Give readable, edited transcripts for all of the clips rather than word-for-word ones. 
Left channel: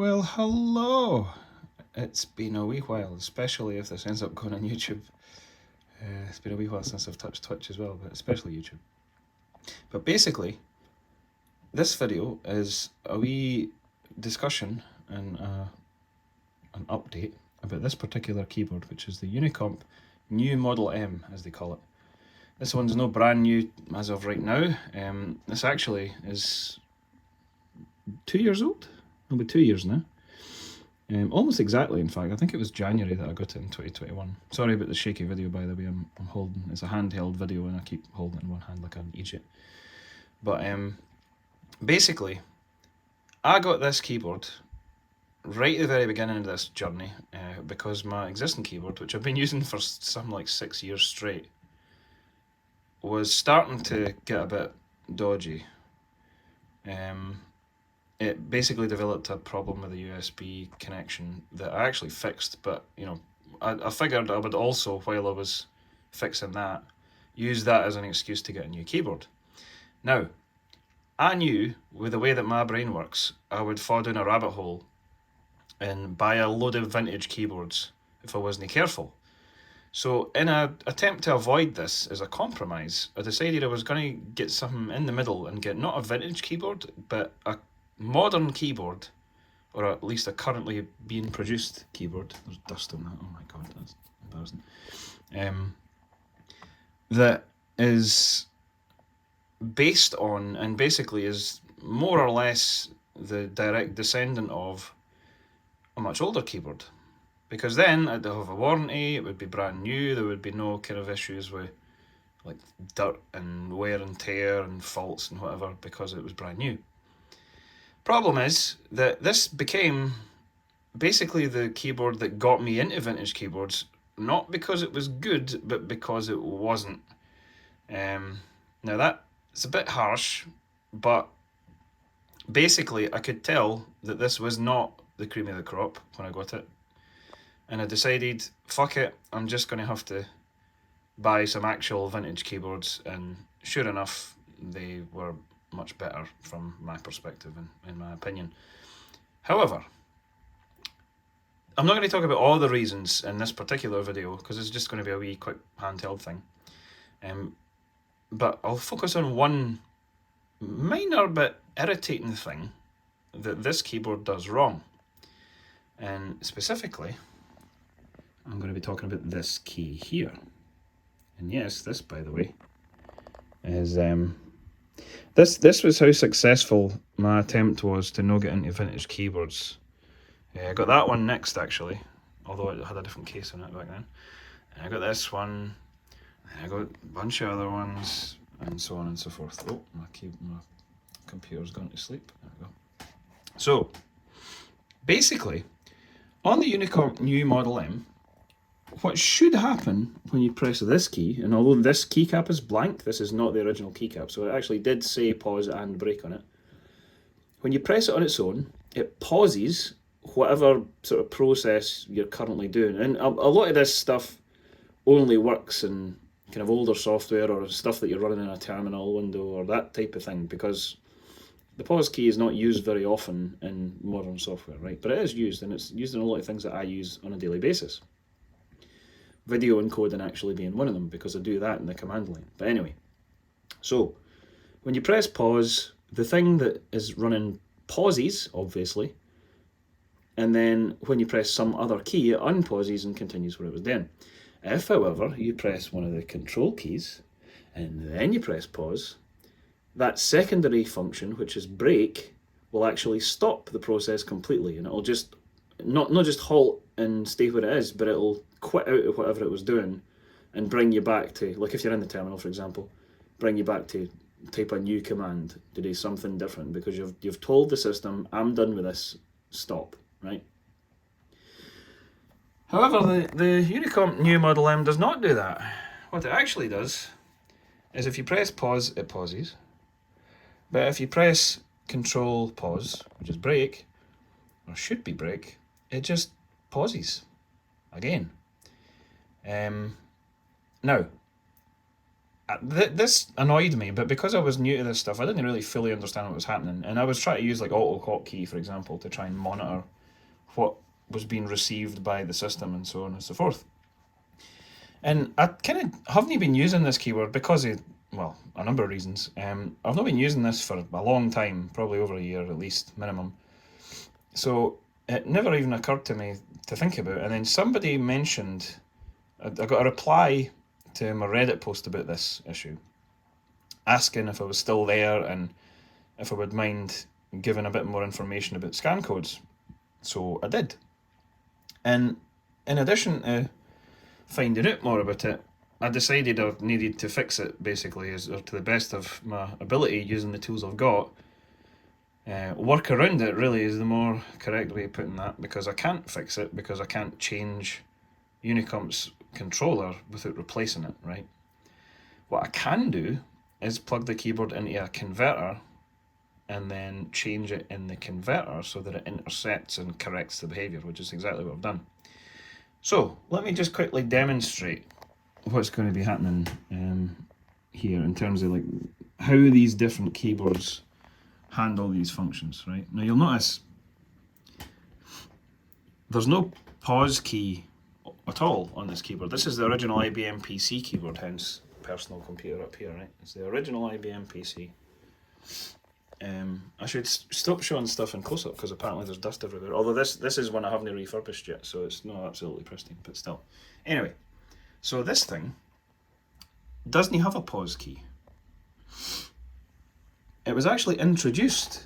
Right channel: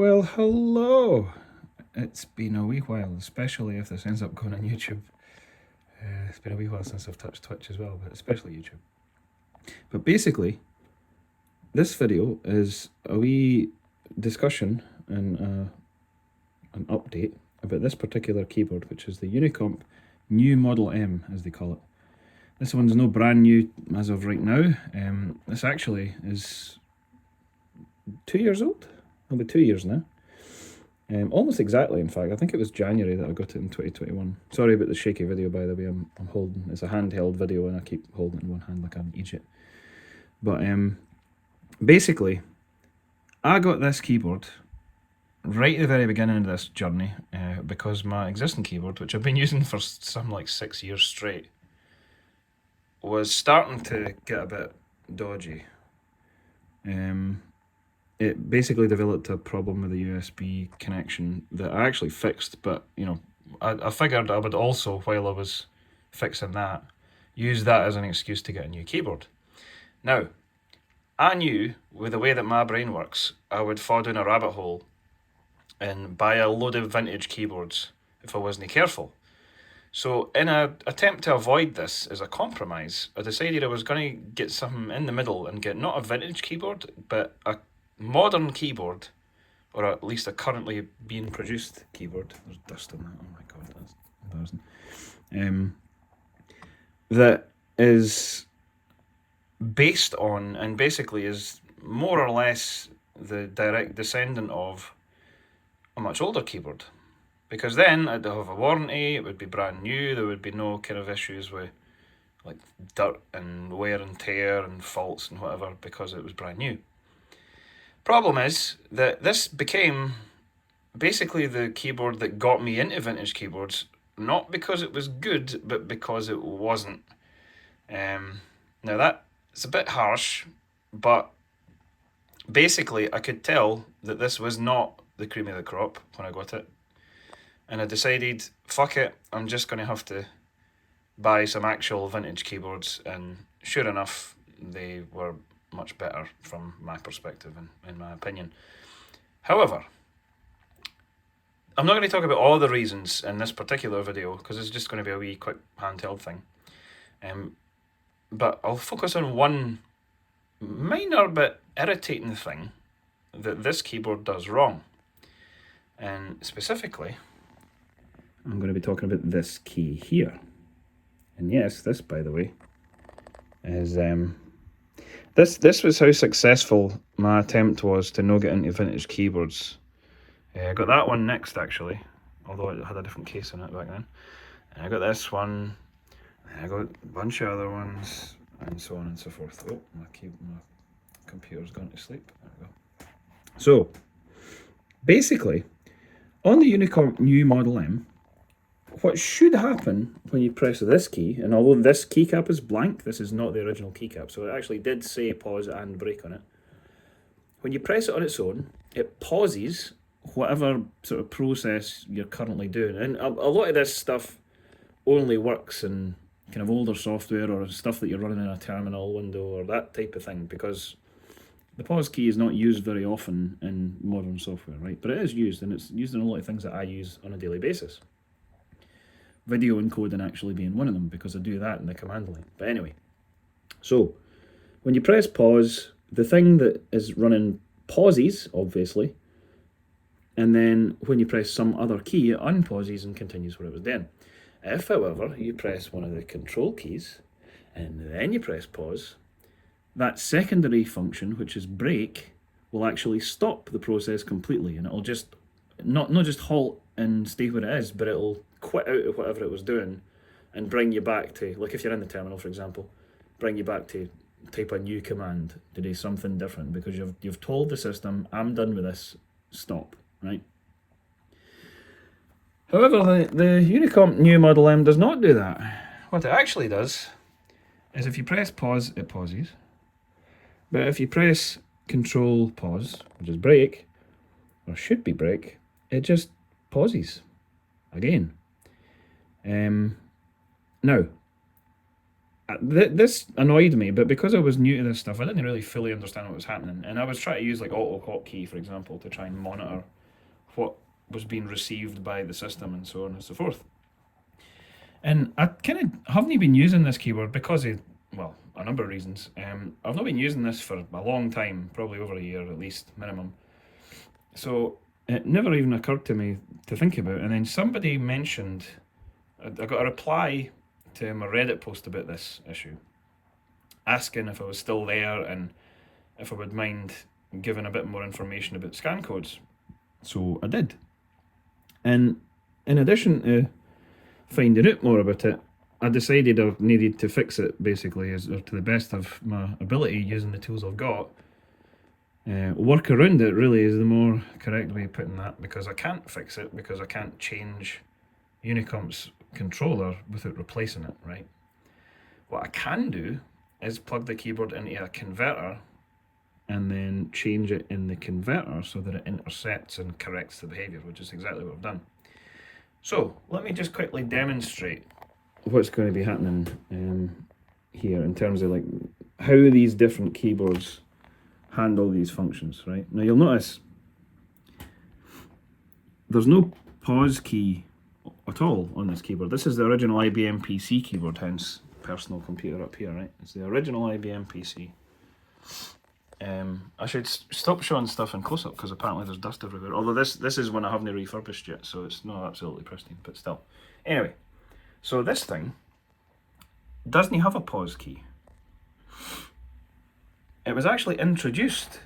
Well, hello. It's been a wee while, especially if this ends up going on YouTube. It's been a wee while since I've touched Twitch as well, but especially YouTube. But basically, this video is a wee discussion and an update about this particular keyboard, which is the Unicomp New Model M, as they call it. This one's no brand new as of right now. This actually is 2 years old. It'll be 2 years now. Almost exactly, in fact. I think it was January that I got it in 2021. Sorry about the shaky video, by the way. I'm holding, it's a handheld video and I keep holding it in one hand like I'm Egypt. But basically, I got this keyboard right at the very beginning of this journey because my existing keyboard, which I've been using for some like 6 years straight, was starting to get a bit dodgy. It basically developed a problem with the USB connection that I actually fixed, but you know, I figured I would also, while I was fixing that, use that as an excuse to get a new keyboard. Now, I knew with the way that my brain works, I would fall down a rabbit hole and buy a load of vintage keyboards if I wasn't careful. So in an attempt to avoid this as a compromise, I decided I was going to get something in the middle and get not a vintage keyboard, but a modern keyboard, or at least a currently being produced keyboard. There's dust on that, oh my god, that's embarrassing. That is based on, and basically is more or less the direct descendant of a much older keyboard. Because then I'd have a warranty, it would be brand new, there would be no kind of issues with like dirt and wear and tear and faults and whatever because it was brand new. Problem is that this became basically the keyboard that got me into vintage keyboards, not because it was good, but because it wasn't. Now that's a bit harsh, but basically I could tell that this was not the cream of the crop when I got it. And I decided, fuck it, I'm just going to have to buy some actual vintage keyboards, and sure enough, they were much better from my perspective and in my opinion. However, I'm not going to talk about all the reasons in this particular video because it's just going to be a wee quick handheld thing. But I'll focus on one minor but irritating thing that this keyboard does wrong. And specifically, I'm going to be talking about this key here. And yes, this, by the way, is this was how successful my attempt was to no get into vintage keyboards. I got that one next, actually, although it had a different case on it back then. And I got this one, and I got a bunch of other ones, and so on and so forth. Oh, my computer's gone to sleep. There we go. So, basically, on the Unicomp New Model M, what should happen when you press this key, and although this keycap is blank, this is not the original keycap, so it actually did say pause and break on it. When you press it on its own, it pauses whatever sort of process you're currently doing. And a lot of this stuff only works in kind of older software or stuff that you're running in a terminal window or that type of thing, because the pause key is not used very often in modern software, right? But it is used, and it's used in a lot of things that I use on a daily basis. Video encoding actually being one of them, because I do that in the command line. But anyway, so when you press pause, the thing that is running pauses, obviously, and then when you press some other key, it unpauses and continues where it was doing. If, however, you press one of the control keys, and then you press pause, that secondary function, which is break, will actually stop the process completely, and it'll just not just halt and stay where it is, but it'll quit out of whatever it was doing and bring you back to, like if you're in the terminal, for example, bring you back to type a new command to do something different, because you've told the system, I'm done with this, stop, right? However, the Unicomp New Model M does not do that. What it actually does is if you press pause, it pauses. But if you press control pause, which is break, or should be break, it just pauses again. Now, this annoyed me, but because I was new to this stuff, I didn't really fully understand what was happening. And I was trying to use like auto hotkey, for example, to try and monitor what was being received by the system and so on and so forth. And I kind of haven't been using this keyboard because of, well, a number of reasons. I've not been using this for a long time, probably over a year at least, minimum. So it never even occurred to me to think about. And then somebody mentioned, I got a reply to my Reddit post about this issue, asking if I was still there and if I would mind giving a bit more information about scan codes. So I did. And in addition to finding out more about it, I decided I needed to fix it basically, or to the best of my ability using the tools I've got. Work around it really is the more correct way of putting that, because I can't fix it because I can't change Unicomp's controller without replacing it, right? What I can do is plug the keyboard into a converter and then change it in the converter so that it intercepts and corrects the behavior, which is exactly what I've done. So let me just quickly demonstrate what's going to be happening here in terms of like how these different keyboards handle these functions, right? Now you'll notice there's no pause key at all on this keyboard. This is the original IBM PC keyboard, hence personal computer up here, right? It's the original IBM PC. I should stop showing stuff in close-up because apparently there's dust everywhere. Although this is one I haven't refurbished yet, so it's not absolutely pristine, but still. Anyway, so this thing doesn't have a pause key. It was actually introduced,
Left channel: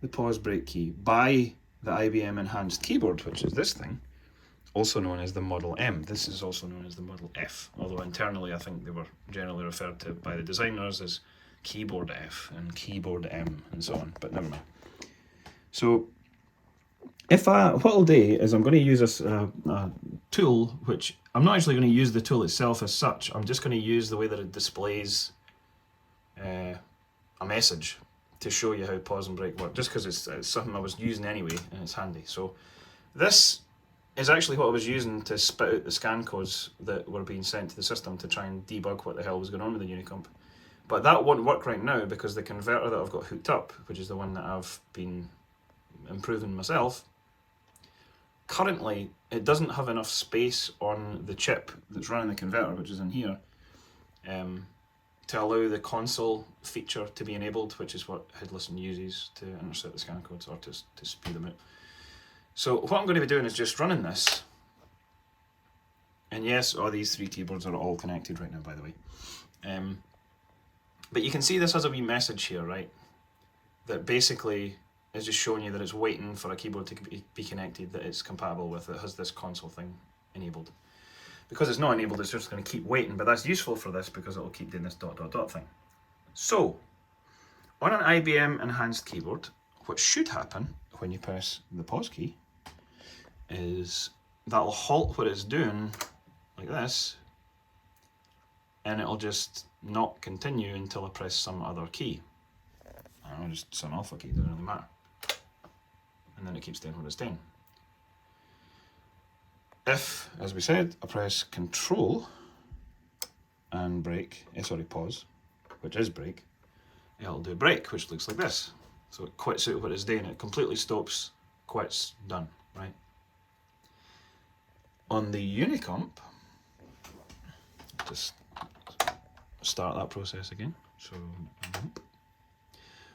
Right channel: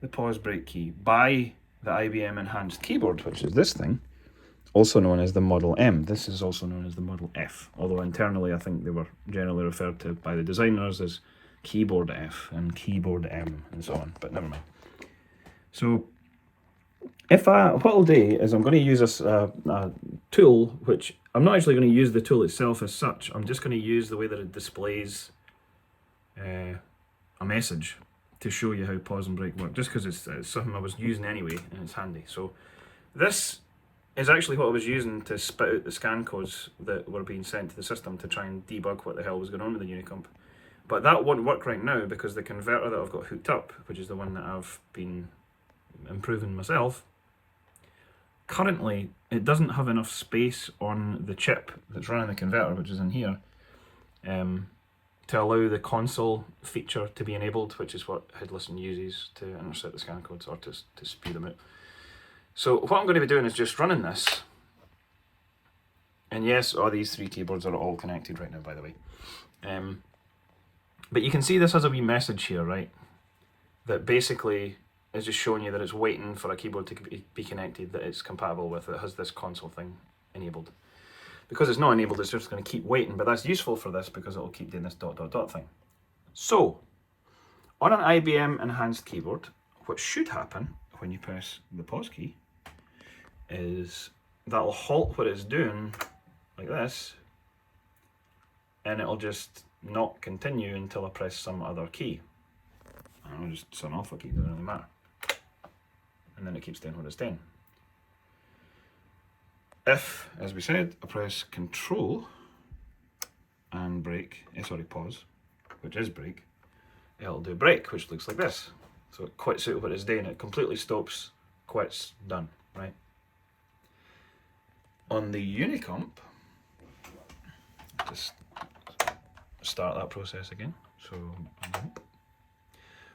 the pause break key, by the IBM enhanced keyboard, which is this thing, also known as the Model M. This is also known as the Model F, although internally I think they were generally referred to by the designers as Keyboard F and Keyboard M and so on, but never mind. So what I'll do is I'm going to use a tool, which I'm not actually going to use the tool itself as such. I'm just going to use the way that it displays a message to show you how pause and break work, just because it's something I was using anyway and it's handy. So this is actually what I was using to spit out the scan codes that were being sent to the system to try and debug what the hell was going on with the Unicomp. But that won't work right now because the converter that I've got hooked up, which is the one that I've been improving myself, currently it doesn't have enough space on the chip that's running the converter, which is in here, to allow the console feature to be enabled, which is what HidListen uses to intercept the scan codes or to spew them out. So what I'm going to be doing is just running this. And yes, all these three keyboards are all connected right now, by the way. But you can see this has a wee message here, right? That basically is just showing you that it's waiting for a keyboard to be connected that it's compatible with, that has this console thing enabled. Because it's not enabled, it's just going to keep waiting, but that's useful for this because it'll keep doing this ... thing. So, on an IBM enhanced keyboard, what should happen when you press the pause key is that'll halt what it's doing like this, and it'll just not continue until I press some other key. I'll just some alpha key, doesn't really matter. And then it keeps doing what it's doing. If, as we said, I press Control and pause, which is break, it'll do break, which looks like this. So it quits out what it's doing, it completely stops, quits, done, right? On the Unicomp, just start that process again.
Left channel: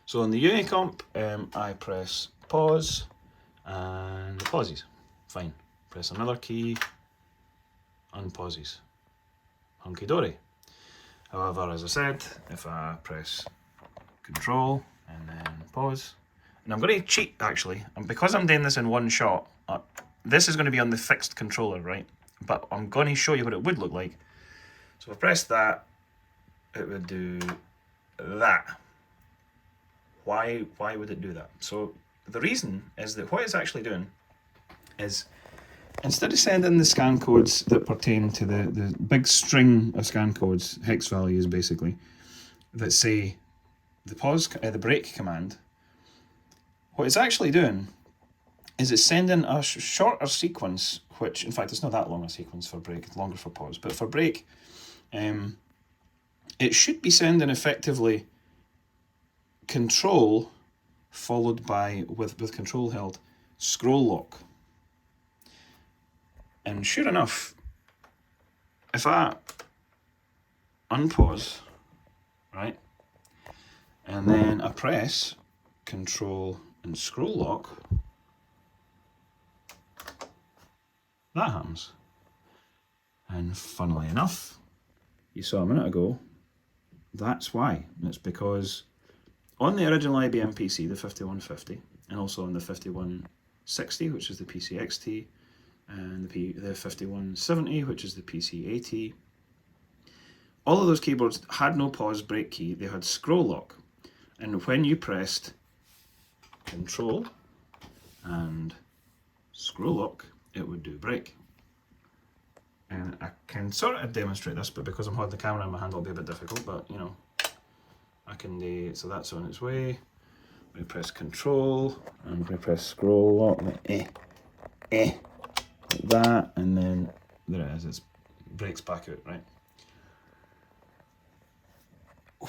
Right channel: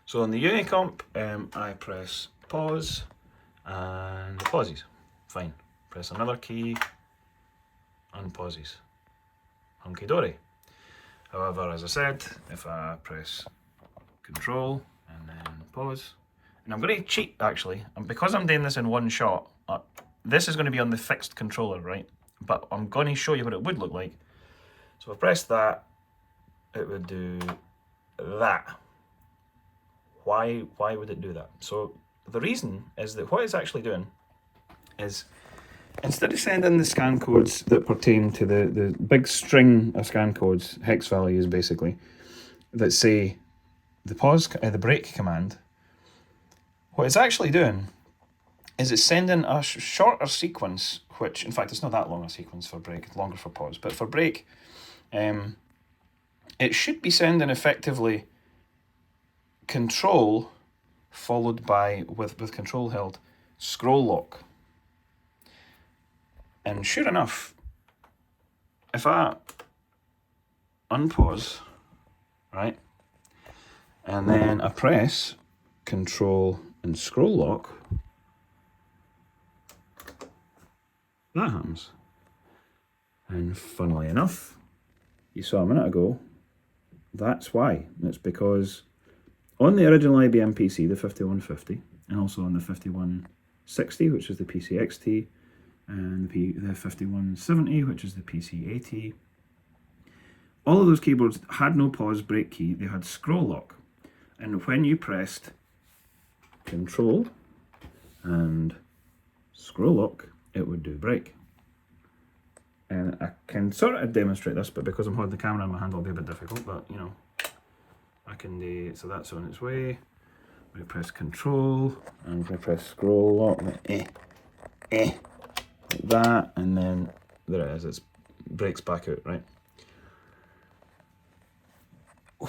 So on the Unicomp, I press pause and it pauses. Fine. Press another key, unpauses. Hunky dory. However, as I said, if I press Control and then pause, and I'm going to cheat actually, and because I'm doing this in one shot, this is going to be on the fixed controller, right? But I'm going to show you what it would look like. So if I press that, it would do that. Why would it do that? So the reason is that what it's actually doing is, instead of sending the scan codes that pertain to the big string of scan codes, hex values basically, that say the break command, what it's actually doing is it's sending a shorter sequence, which in fact it's not that long a sequence for break, it's longer for pause, but for break, it should be sending effectively control followed by, with control held, scroll lock. And sure enough, if I unpause, right, and then I press control and scroll lock, that happens. And funnily enough, you saw a minute ago, that's why. It's because on the original IBM PC, the 5150, and also on the 5160, which is the PCXT, and the 5170, which is the PC80, all of those keyboards had no pause break key, they had scroll lock. And when you pressed control and scroll lock, it would do break. And I can sort of demonstrate this, but because I'm holding the camera in my hand, it'll be a bit difficult, but you know, I can do it. So that's on its way. We press control and we press scroll lock, like that, and then there it is, it breaks back out, right?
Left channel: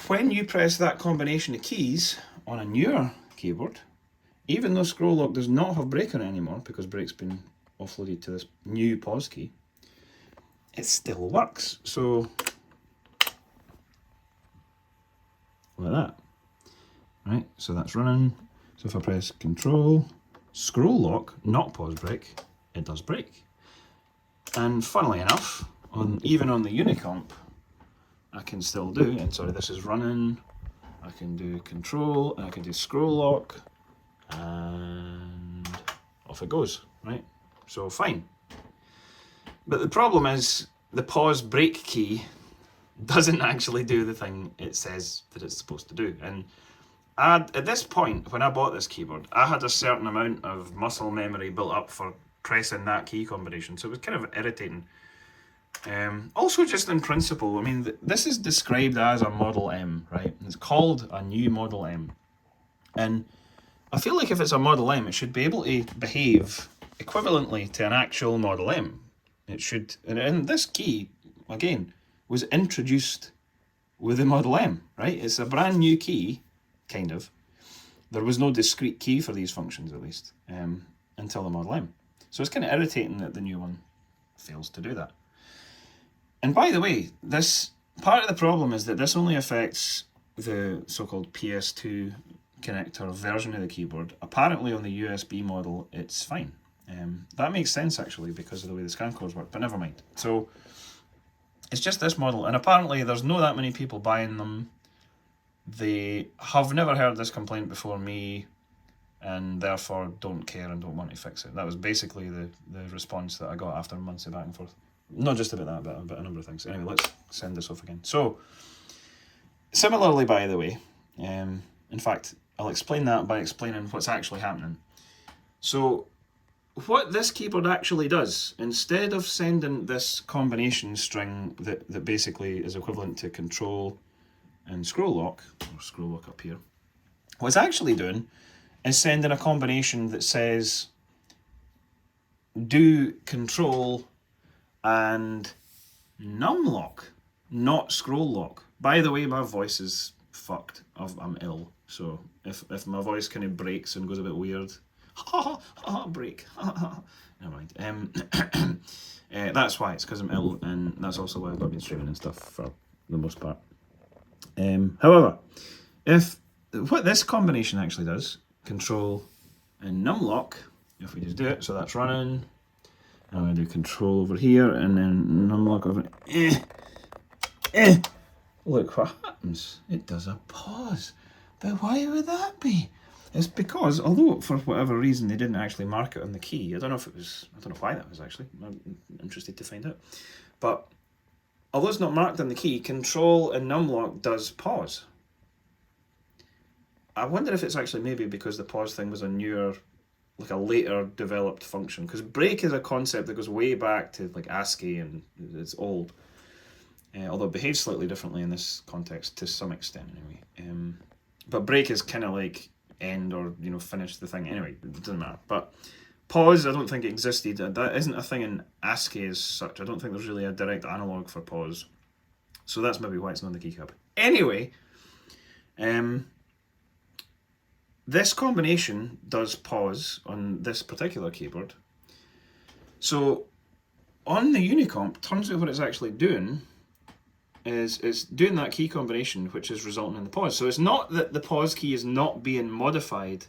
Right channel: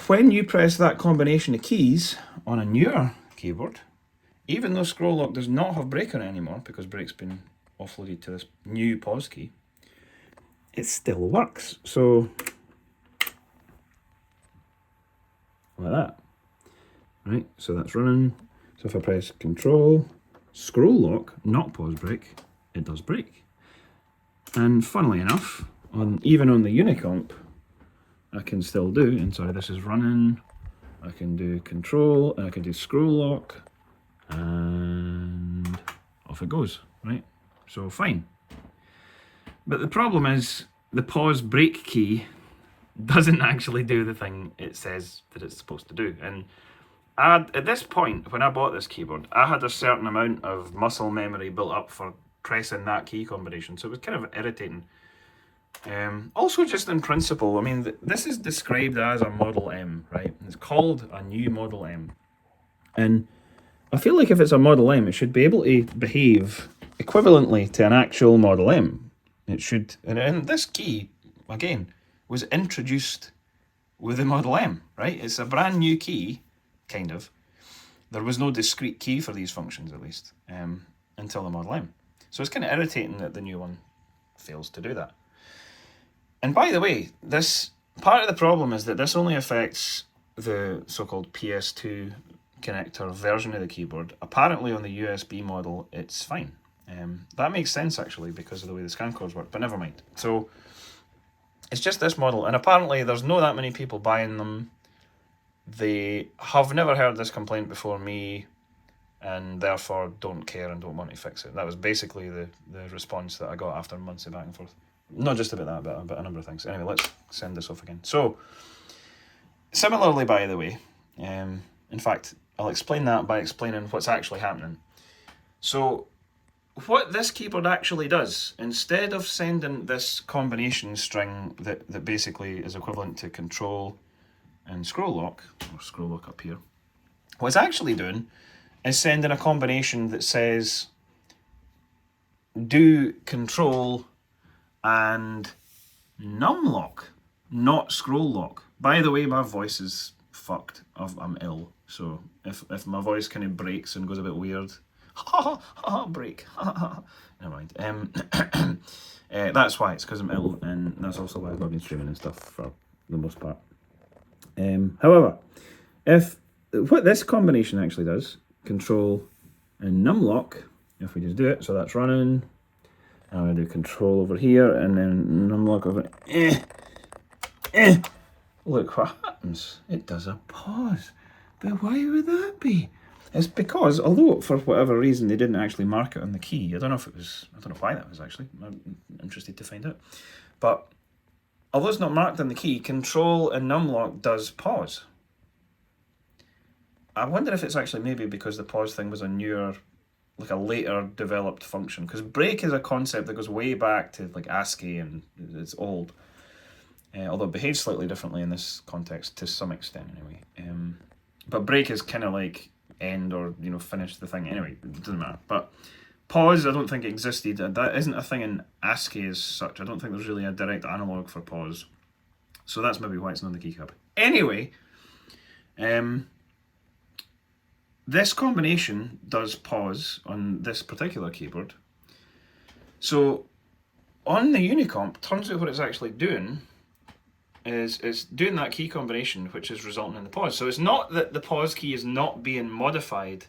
When you press that combination of keys on a newer keyboard, even though scroll lock does not have break on it anymore because break's been offloaded to this new pause key, it still works. So like that, right? So that's running. So if I press control, scroll lock, not pause break, it does break. And funnily enough, even on the Unicomp, I can still do, and sorry, this is running, I can do control, and I can do scroll lock, and off it goes, right? So fine. But the problem is, the pause break key doesn't actually do the thing it says that it's supposed to do. And at this point, when I bought this keyboard, I had a certain amount of muscle memory built up for pressing that key combination, so it was kind of irritating. Also, just in principle, I mean, this is described as a Model M, right? It's called a new Model M. And I feel like if it's a Model M, it should be able to behave equivalently to an actual Model M. It should, and this key, again, was introduced with the Model M, right? It's a brand new key, kind of. There was no discrete key for these functions, at least, until the Model M. So it's kind of irritating that the new one fails to do that. And by the way, this part of the problem is that this only affects the so-called PS2 connector version of the keyboard. Apparently on the USB model, it's fine. That makes sense actually because of the way the scan codes work, but never mind. So it's just this model, and apparently there's not that many people buying them. They have never heard this complaint before me, and therefore don't care and don't want to fix it. That was basically the response that I got after months of back and forth. Not just about that, but about a number of things. Anyway, let's send this off again. So, similarly, by the way, in fact, I'll explain that by explaining what's actually happening. So, what this keyboard actually does, instead of sending this combination string that basically is equivalent to control and scroll lock, or scroll lock up here, what it's actually doing is sending a combination that says do control and num lock, not scroll lock. By the way, my voice is fucked. I'm ill, so if my voice kind of breaks and goes a bit weird, break, never mind. That's why, it's because I'm ill, and that's also why I've not been streaming and stuff for the most part. However, what this combination actually does, control and num lock, if we just do it, so that's running. I'm going to do control over here and then num lock over. Look what happens. It does a pause. But why would that be? It's because, although for whatever reason they didn't actually mark it on the key, I don't know why that was actually. I'm interested to find out. But although it's not marked on the key, control and num lock does pause. I wonder if it's actually maybe because the pause thing was a newer, like a later developed function, because break is a concept that goes way back to like ASCII and it's old, although it behaves slightly differently in this context to some extent anyway. But break is kind of like end or finish the thing anyway, it doesn't matter. But pause I don't think existed. That isn't a thing in ASCII as such. I don't think there's really a direct analog for pause. So that's maybe why it's not on the keycap. Anyway, this combination does pause on this particular keyboard. So on the Unicomp, turns out what it's actually doing is it's doing that key combination which is resulting in the pause. So it's not that the pause key is not being modified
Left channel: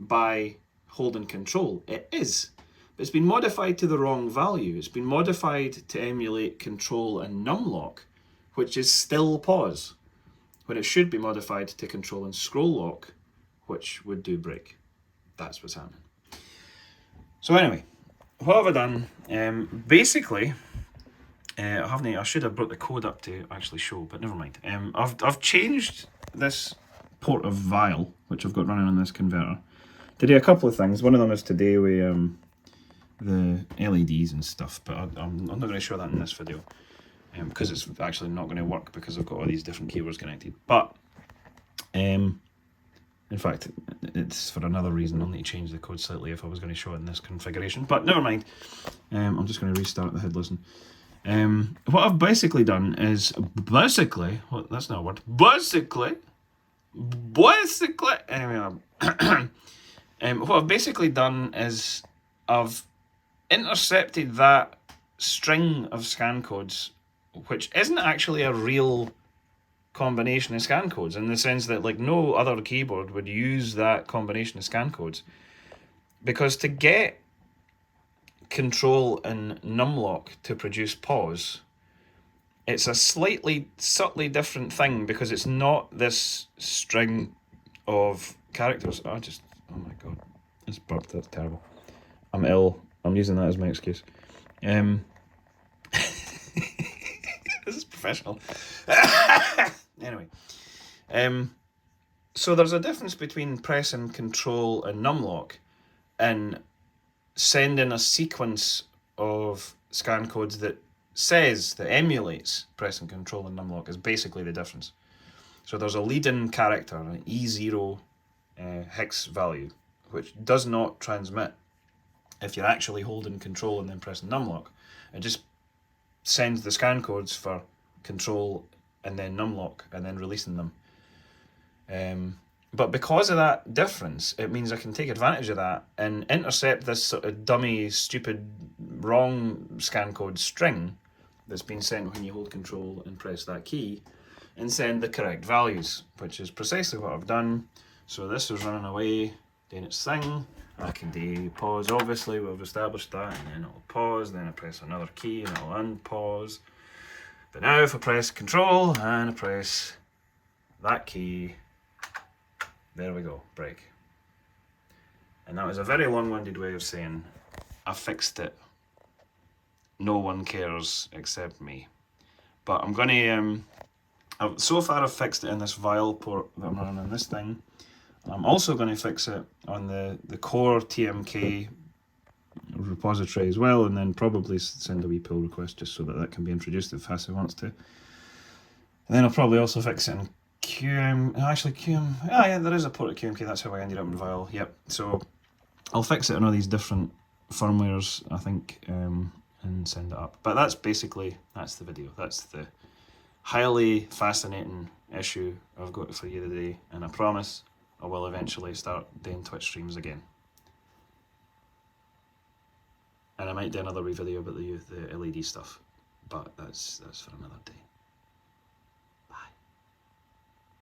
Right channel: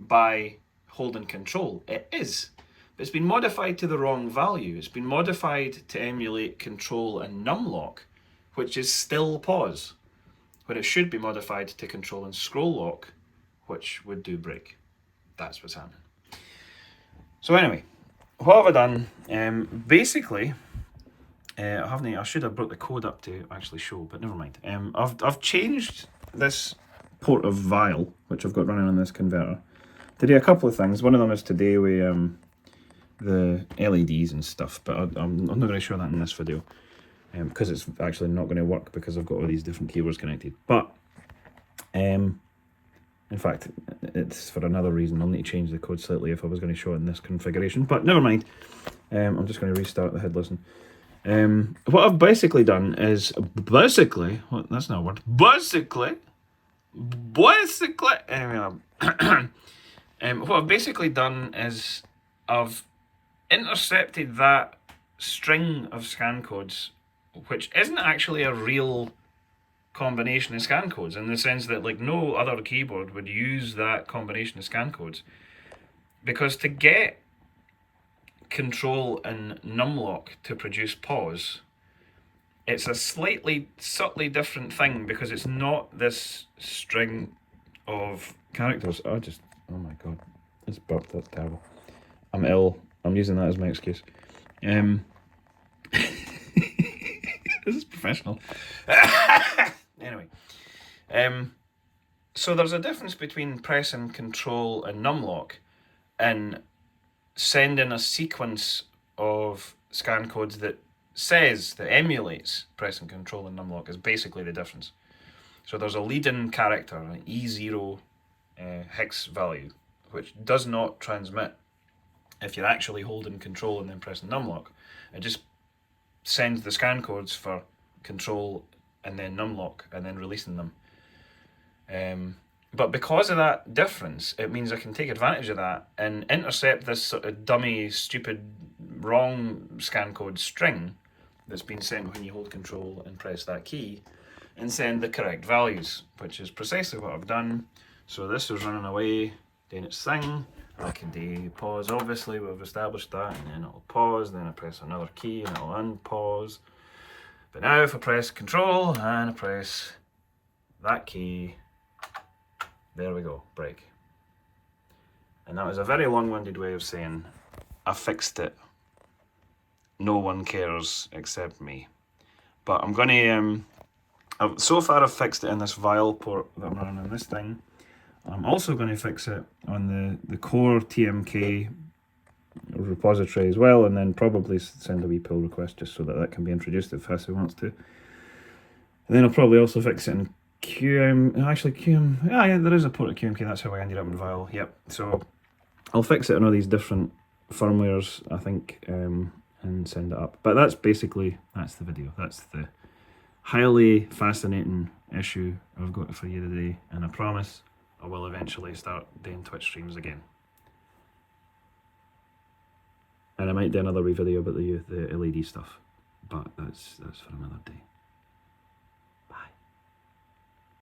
by holding control. It is. But it's been modified to the wrong value. It's been modified to emulate control and numlock, which is still pause, when it should be modified to control and scroll lock, which would do break. That's what's happening. So anyway, what have I done? Basically, I should have brought the code up to actually show, but never mind. I've changed this port of vial, which I've got running on this converter, to do a couple of things. One of them is today with the LEDs and stuff, but I'm not going to show that in this video because it's actually not going to work because I've got all these different keyboards connected. But in fact, it's for another reason. I'll need to change the code slightly if I was going to show it in this configuration, but never mind. I'm just going to restart the head listen. What I've basically done is that's not a word. Anyway, what I've basically done is I've intercepted that string of scan codes, which isn't actually a real combination of scan codes, in the sense that like no other keyboard would use that combination of scan codes, because to get control and numlock to produce pause, it's a subtly different thing, because it's not this string of characters. Oh my god, it's burped, that's terrible. I'm ill. I'm using that as my excuse. This is professional. Anyway, so there's a difference between pressing control and numlock and sending a sequence of scan codes that emulates pressing control and numlock is basically the difference. So there's a leading character, an E0 hex value, which does not transmit if you're actually holding control and then pressing numlock. It just sends the scan codes for control and then numlock and then releasing them. But because of that difference, it means I can take advantage of that and intercept this sort of dummy, stupid, wrong scan code string that's been sent when you hold control and press that key, and send the correct values, which is precisely what I've done. So this is running away, doing its thing. I can do pause, obviously, we've established that, and then it'll pause, then I press another key and it'll unpause. But now if I press control and I press that key, there we go, break. And that was a very long-winded way of saying I fixed it. No one cares except me. But I'm going to, so far I've fixed it in this vial port that I'm running on this thing. I'm also going to fix it on the core TMK repository as well, and then probably send a wee pull request just so that can be introduced if Hassie wants to. And then I'll probably also fix it in yeah, there is a port at QMK, that's how I ended up in Vial, yep. So I'll fix it on all these different firmwares, I think, and send it up. But that's the video. That's the highly fascinating issue I've got for you today, and I promise I will eventually start doing Twitch streams again. And I might do another wee video about the LED stuff, but that's for another day.